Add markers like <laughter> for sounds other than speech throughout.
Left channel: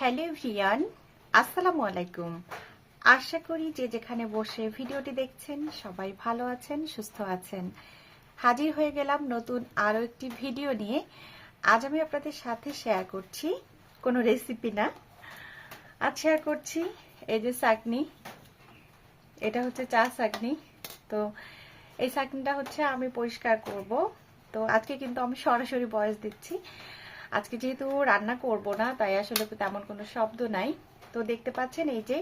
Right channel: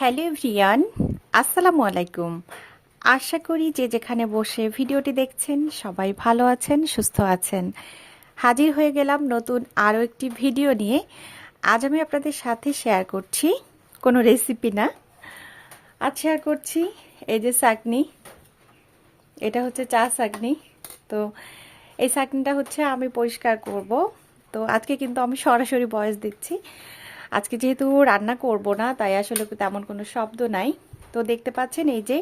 Hello ভিয়ান আসসালামু আলাইকুম। আশা করি যে যেখানে বসে ভিডিওটি দেখছেন, সবাই ভালো আছেন, সুস্থ আছেন। হাজির হয়ে গেলাম নতুন আরও একটি ভিডিও নিয়ে। আজ আমি আপনাদের সাথে শেয়ার করছি, কোনো রেসিপি না। আজ শেয়ার করছি, এই যে চাকনি, এটা হচ্ছে চা চাকনি। তো এই চাকনিটা হচ্ছে আমি পরিষ্কার করব। তো আজকে কিন্তু আমি সরাসরি বয়স দিচ্ছি। আজকে যেহেতু রান্না করব না, তাই আসলে তেমন কোনো শব্দ নাই। তো দেখতে পাচ্ছেন এই যে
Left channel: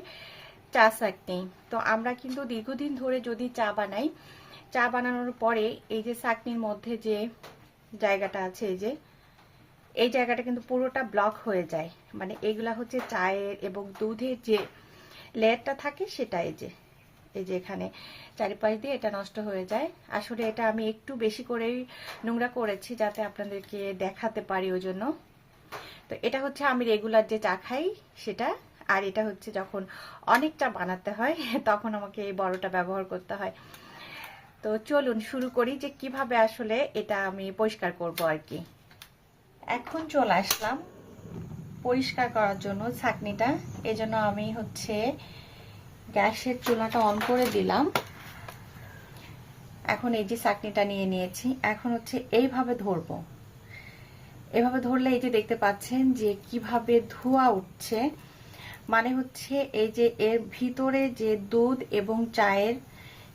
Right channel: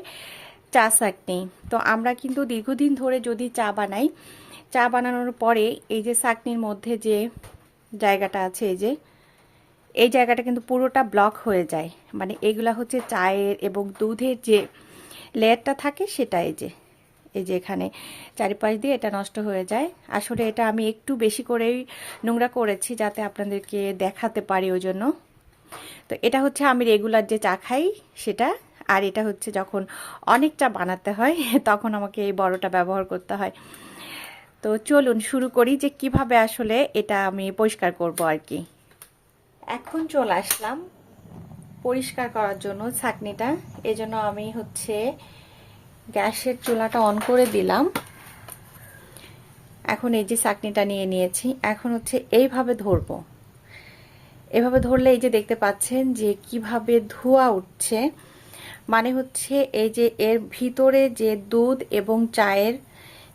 চা চাকনি তো আমরা কিন্তু দীর্ঘদিন ধরে যদি চা বানাই, চা বানানোর পরে এই যে চাকনির মধ্যে যে জায়গাটা আছে, এই যে, এই জায়গাটা কিন্তু পুরোটা ব্লক হয়ে যায়। মানে এগুলা হচ্ছে চায়ের এবং দুধের যে লেয়ারটা থাকে, সেটা এই যে। এই যে এখানে চারিপাশ দিয়ে এটা নষ্ট হয়ে যায়। আসলে এটা আমি একটু বেশি করেই নোংরা করেছি যাতে আপনাদেরকে দেখাতে পারি ওই জন্য। তো এটা হচ্ছে আমি রেগুলার যে চা খাই সেটা, আর এটা হচ্ছে যখন অনেক চা বানাতে হয়, <laughs> তখন আমাকে এই বড়টা ব্যবহার করতে হয়। তো চলুন শুরু করি যে কীভাবে আসলে এটা আমি পরিষ্কার করব আর কি। এখন চলে আসলাম পরিষ্কার করার জন্য ছাকনিটা। এজন্য আমি হচ্ছে গ্যাসের চুলাটা অন করে দিলাম। এখন এই যে চাকনিটা নিয়ে নিয়েছি। এখন হচ্ছে এইভাবে ধরবো। এভাবে ধরলে এই যে দেখতে পাচ্ছেন যে কীভাবে ধোয়া উঠছে। মানে হচ্ছে এই যে এর ভিতরে যে দুধ এবং চায়ের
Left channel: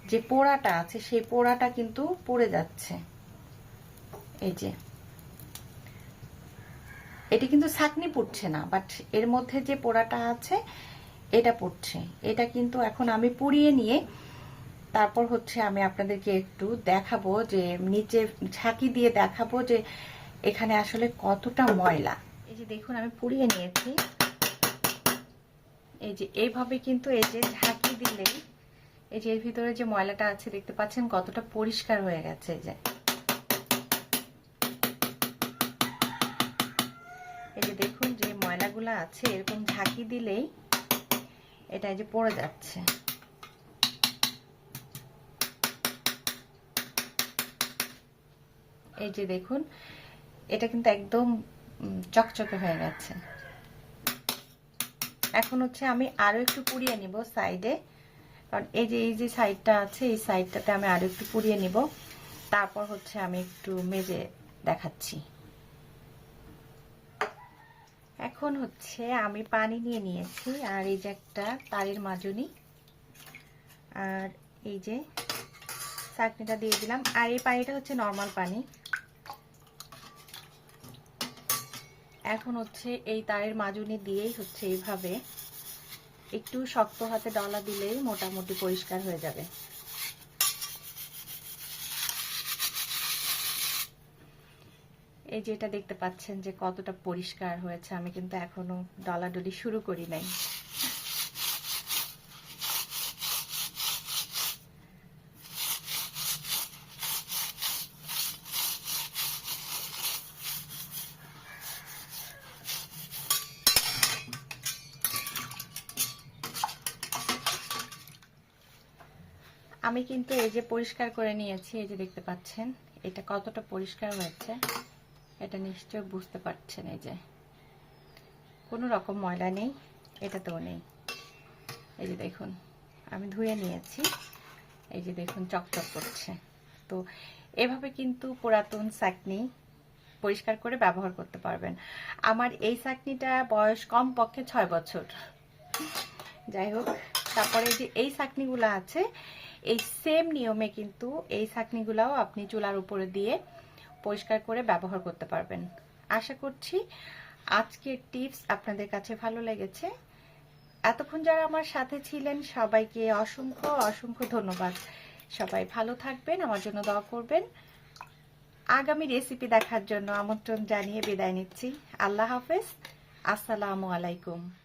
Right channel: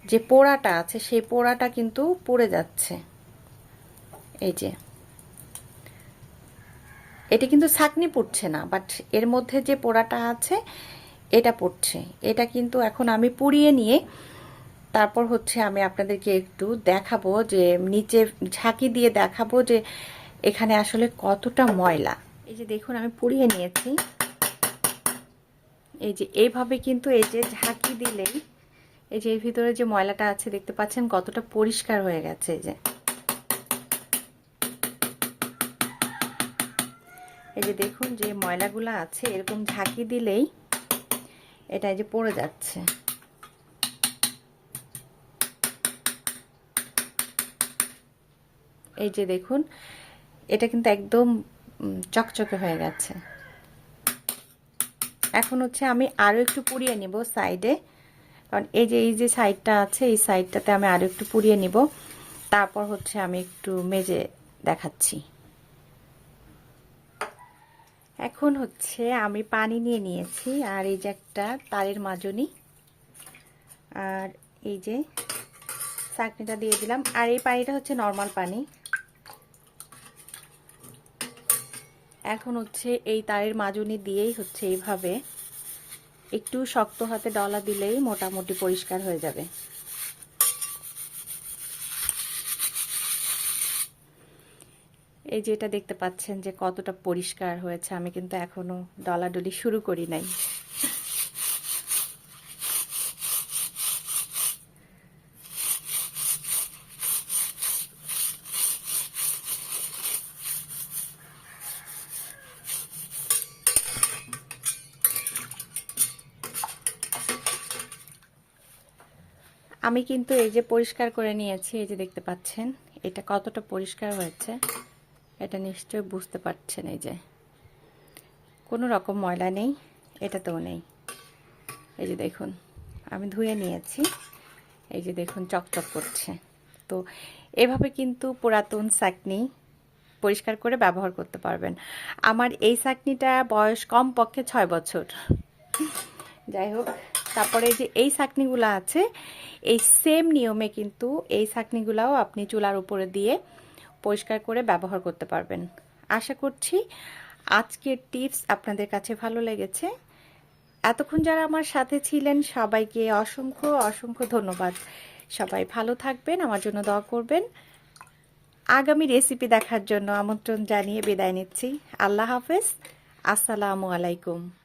যে পোড়াটা আছে, সেই পোড়াটা কিন্তু পড়ে যাচ্ছে। এই যে। এটি কিন্তু ছাকনি পড়ছে না, বাট এর মধ্যে যে পোড়াটা আছে এটা পড়ছে। এটা কিন্তু এখন আমি পুড়িয়ে নিয়ে তারপর হচ্ছে আমি আপনাদেরকে একটু দেখাবো যে, নিচে ঝাঁকি দিয়ে দেখাবো যে এখানে আসলে কতটা ময়লা। এই যে দেখুন, আমি পুড়িয়ে নিয়েছি। এই যে এইভাবে কিন্তু এই যে ঝাঁকি দিলেই এই যে এর ভিতরে যে ময়লাটা আছে, দেখতে পাচ্ছেন কতটা পরিষ্কার হয়ে গেছে এই যে। এই যে দেখুন যে ময়লাগুলো আছে, এরকম ঝাঁকি দিলেই এটা এই যে পড়ে যাচ্ছে। এই যে দেখুন, এটা কিন্তু একদম চকচকে হয়ে গেছে। এখন হচ্ছে আমি আরও একটু পুড়িয়ে নিব সাইডে। কারণ এই যে এই যে সাইডটা আছে, এই সাইডটাতে আমি আরও একটু পুড়িয়ে নিব। তারপর হচ্ছে আমি একটু মেজে দেখাচ্ছি। এখন হচ্ছে আমি পানি নিয়ে নিয়েছি, আর এই যে একটা তারের মাজনি, আর এই যে চাটনিটা দিয়ে দিলাম। আর এই পানিটা হচ্ছে নর্মাল পানি। এখন হচ্ছে এই তারের মাজনি দিয়েই হচ্ছে এইভাবে একটু শক্ত হাতে ডলা দিলেই মোটামুটি পরিষ্কার হয়ে যাবে। এই যে এটা দেখতে পাচ্ছেন যে কতটা পরিষ্কার হয়েছে, আমি কিন্তু এখনও ডলাডলি শুরু করি নাই। আমি কিন্তু এই যে পরিষ্কার করে নিয়েছি, এই যে দেখতে পাচ্ছেন, এটা কতটা পরিষ্কার হয়েছে। এটা নিশ্চয় বুঝতে পারছেন এই যে। কোনো রকম ময়লা নেই এটাতেও নেই। এই যে দেখুন, আমি ধুয়ে নিয়েছি। এই যে দেখুন, চকচক করছে। তো এভাবে কিন্তু পুরাতন চাকনি পরিষ্কার করে ব্যবহার করতে পারবেন। আমার এই চাকনিটা বয়স কম পক্ষে ছয় বছর। যাই হোক, তারপরে যে এই চাকনিগুলো আছে, এই সেম নিয়মে কিন্তু এই চাকনিগুলাও আপনি চুলার উপরে দিয়ে পরিষ্কার করে ব্যবহার করতে পারবেন। আশা করছি আজকের টিপস আপনাদের কাছে ভালো লেগেছে। এতক্ষণ যারা আমার সাথে ছিলেন, সবাইকে অসংখ্য অসংখ্য ধন্যবাদ। সবাই ভালো থাকবেন, আমার জন্য দোয়া করবেন। আগামী রেসিপি দেখার জন্য আমন্ত্রণ জানিয়ে বিদায় নিচ্ছি। আল্লাহ হাফেজ। আসসালামু আলাইকুম।